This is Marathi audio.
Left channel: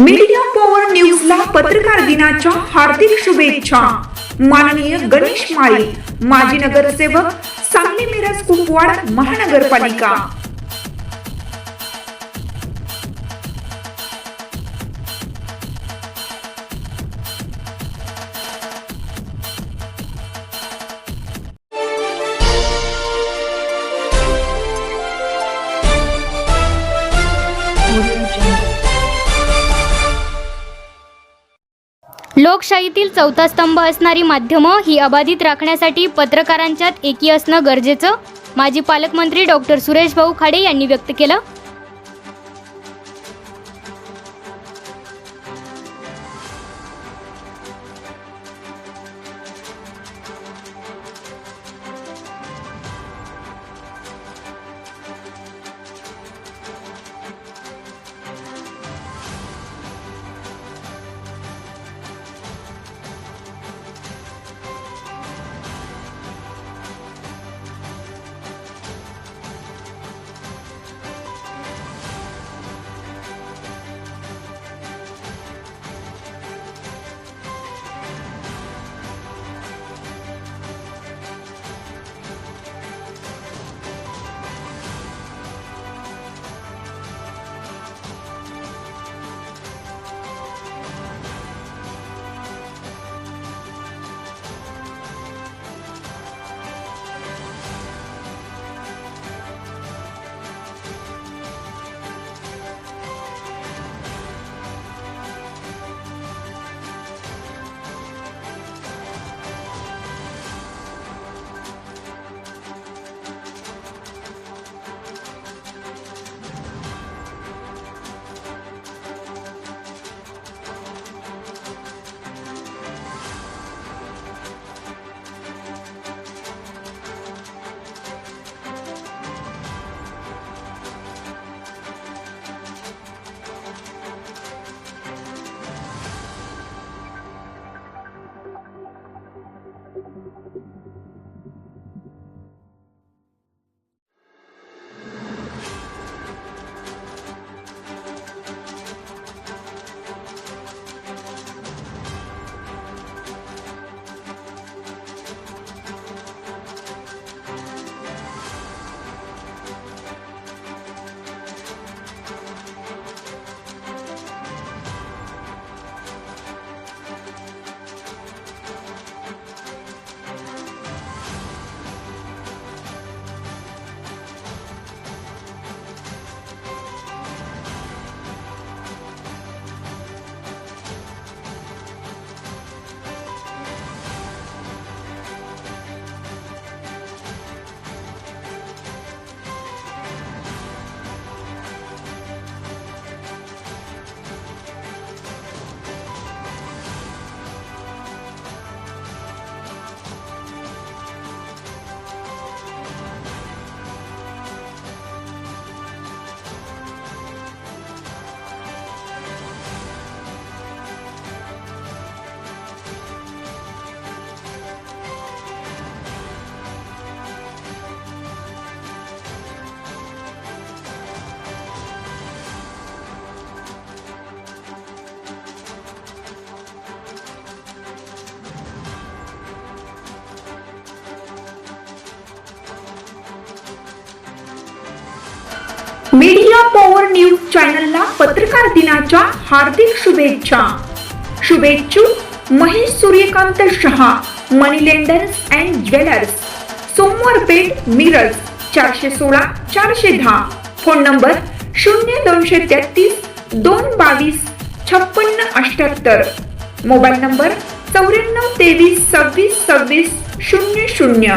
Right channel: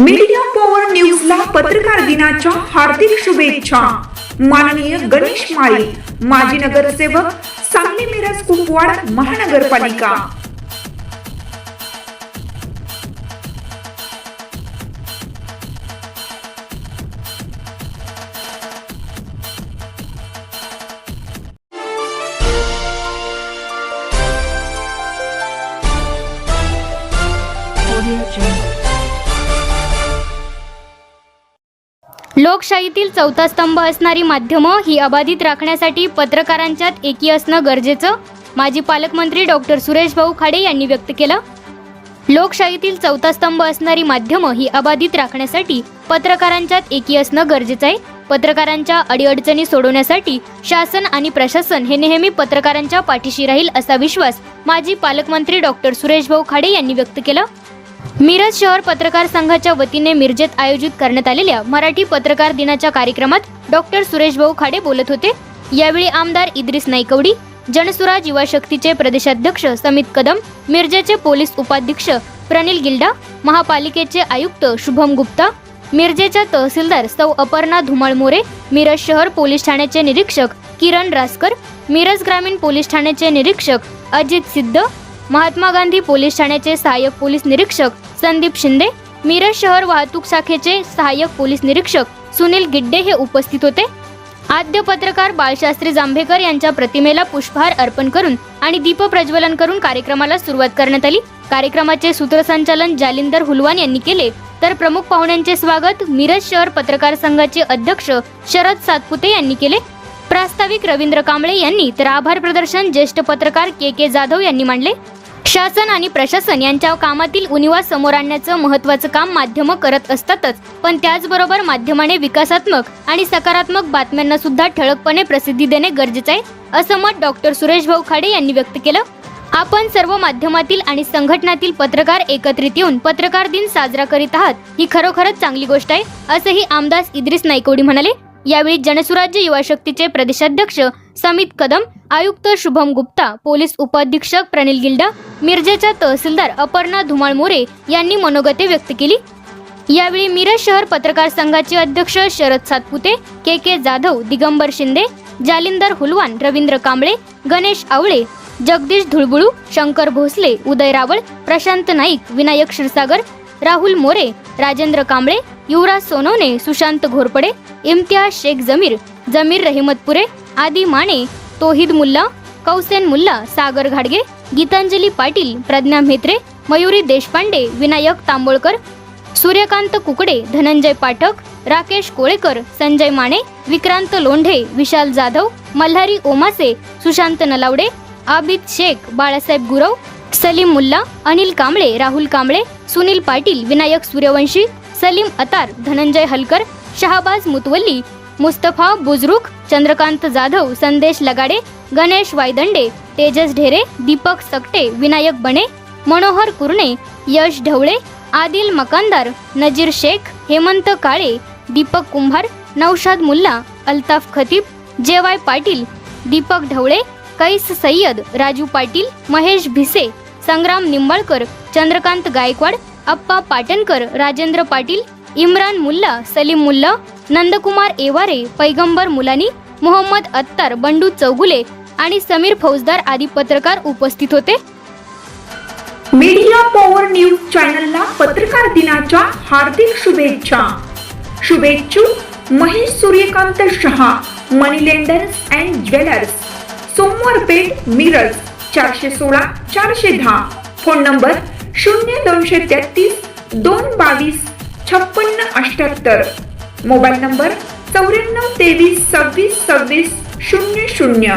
मीडिया पॉवर न्यूजला पत्रकार दिनाच्या हार्दिक शुभेच्छा. माननीय गणेश माळी माजी नगरसेवक सांगली मिरज कुपवाड महानगरपालिका. लोकशाहीतील चौथा स्तंभ असणारी माध्यमं ही अबाधित राखण्यासाठी पत्रकारांच्यात एकी असणं गरजेचं? माजी पालकमंत्री डॉक्टर सुरेश भाऊ खाडे यांनी व्यक्त केलं. लोकशाहीतील चौथा स्तंभ असणारी माध्यमं ही अबाधित राखण्यासाठी पत्रकारांच्यात एकी असणं गरजेचं आहे. पत्रकारांच्या अडीअडचणी सोडवण्यासाठी शासन आणि प्रशासन हे नेहमी पत्रकारांच्या पाठीशी राहील असा विश्वास माजी पालकमंत्री डॉक्टर सुरेश भाऊ खाडे यांनी व्यक्त केला. मिरज शहर पत्रकार संघाच्या वतीने मिरजेत आयोजित करण्यात आलेल्या मराठी पत्रकार दिनाच्या कार्यक्रमात डॉक्टर सुरेश भाऊ खाडे बोलत होते. यावेळी आमदार इद्रिस नाईकवडी जनसुराज युवा शक्तीचे प्रदेशाध्यक्ष समित कदम मिरजेचे पोलीस उपाध्यक्ष प्रनिल गिल्डा महापालिकेचे आयुक्त शुभम गुप्ता मिरजेच्या तहसीलदार सौ अपर्णा धुमाळ मोरे मिरज शहर पोलीस ठाण्याचे निरीक्षक किरण रासकर मिरज ग्रामीण पोलीस ठाण्याचे निरीक्षक अजित सिद्ध महात्मा गांधी पोलीस ठाण्याचे सहाय्यक पोलीस निरीक्षक संदीप शिंदे मिरज शहर वाहतूक शाखेचे सहाय्यक पोलीस निरीक्षक सुनील गिड्डे हे उपस्थित होते. आद्य पत्रकार बाळशास्त्री जांभेकर यांच्या प्रतिमेला पुष्पहार अर्पण करून आणि दीप प्रज्वलन करून कार्यक्रमाला सुरुवात करण्यात आली. कार्यक्रमाचे सूत्रसंचालन जालिंदर हुलवान यांनी केले. तर प्रमुख पाहुण्यांचे स्वागत मिरज शहर पत्रकार संघाचे अध्यक्ष शरद सातपुते यांनी केले. प्रास्ताविक रवींद्र कांबळे यांनी तर आभार प्रदर्शन ज्येष्ठ पत्रकार के के जाधव यांनी मांडले. शासन आणि प्रशासन यांच्या कामातील उणिवा समोर आणण्याचं महत्वाचं काम माध्यमं करत असतातच पण त्याचबरोबर माध्यमाने विकासात्मक आणि सकारात्मक बातम्यांना सुद्धा ठळकपणे प्रसिद्धी देणे गरजेचं आहे असं मत डॉक्टर सुरेश भाऊ खाडे यांनी व्यक्त केलं. आपण सर्व माध्यमातील आणि संघटनातील पत्रकार एकत्रित येऊन पत्रकार दिन साजरा करीत आहात ही खरोखरच चांगली गोष्ट आहे असंही आमदार इद्रिस नायकोडी म्हणाले. यावेळी जनसुराज्य युवा शक्तीचे प्रदेशाध्यक्ष समित कदम आयुक्त शुभम गुप्ता पोलीस उपाधीक्षक प्रणिल गिल्डा मिरजेच्या तहसीलदार अपर्णा धुमाळ मोरे यांनी मनोगते व्यक्त केली. यावेळी मिरज शहर पत्रकार संघाचे अध्यक्ष शरद सातपुते के के जाधव दिगंबर शिंदे जालिंदर हुलवान रवींद्र कांबळे गणेश आवळे जगदीश धुळबुळू शंकर भोसले उदय रावळ प्रशांत नाईक विनायक क्षीरसागर राहुल मोरे राजेंद्र कांबळे युवराज सोनवणे सुशांत घोरपडे इम्तियाज शेख जमीर जमीर रहिमतपुरे आदी माने तोहिद मुल्ला कौसेन मुल्ला सागर घाडगे गीतांजली पाटील प्रज्ञा म्हेत्रे मयुरी देशपांडे विनायक तांबोळकर सूर्यकांत कुकडे धनंजय पाठक राकेश कोळेकर संजय माने विक्रांत लोंढे विशाल जाधव मल्हारी ओमासे सुशांत नलावडे आबिद शेख बाळासाहेब गुरव सलीम मुल्ला अनिल कांबळे राहुल कांबळे सुनील पाटील विनायक सूर्यवंशी सलीम अतार धनंजय हलकर शहाबाज मुतवल्ली मुस्तफा बुजरुख चंद्रकांत जाधव संदेश लगाडे गणेश वायदंडे तेजस ढेरे दीपक सकटे विनायक बणे मनोहर कुरणे यश ढवळे आदिल मकानदार नजीर शेख हेमंत काळे दीपक कुंभार नौशाद मुल्ला अल्ताफ खतीब जेवाय पाटील दीपक ढवळे कैस सय्यद राजू पाटील महेश भिसे संग्राम निंबाळकर चंद्रकांत गायकवाड अप्पा पाटणकर राजेंद्र पाटील इम्रान मुल्ला सलीम मुल्ला नंदकुमार एवारे पैगंबर मुलानी मोहम्मद अत्तार बंडू चौगुले आणि समीर फौजदार आदी पत्रकार उपस्थित होते. मीडिया पॉवर न्यूज चॅनलला पत्रकार दिनाच्या हार्दिक शुभेच्छा. शुभेच्छू Mahesh Suryakant Shah money lenders and jewellers Somwar Peth Miraj. चारशे सोळा चारशे दहा. फोन नंबर शून्य दोनशे तेहतीस दोन बावीस छप्पन्न अठ्याहत्तर. मोबाईल नंबर चौऱ्याण्णव तेवीस सव्वीस सव्वीस शून्य शून्य.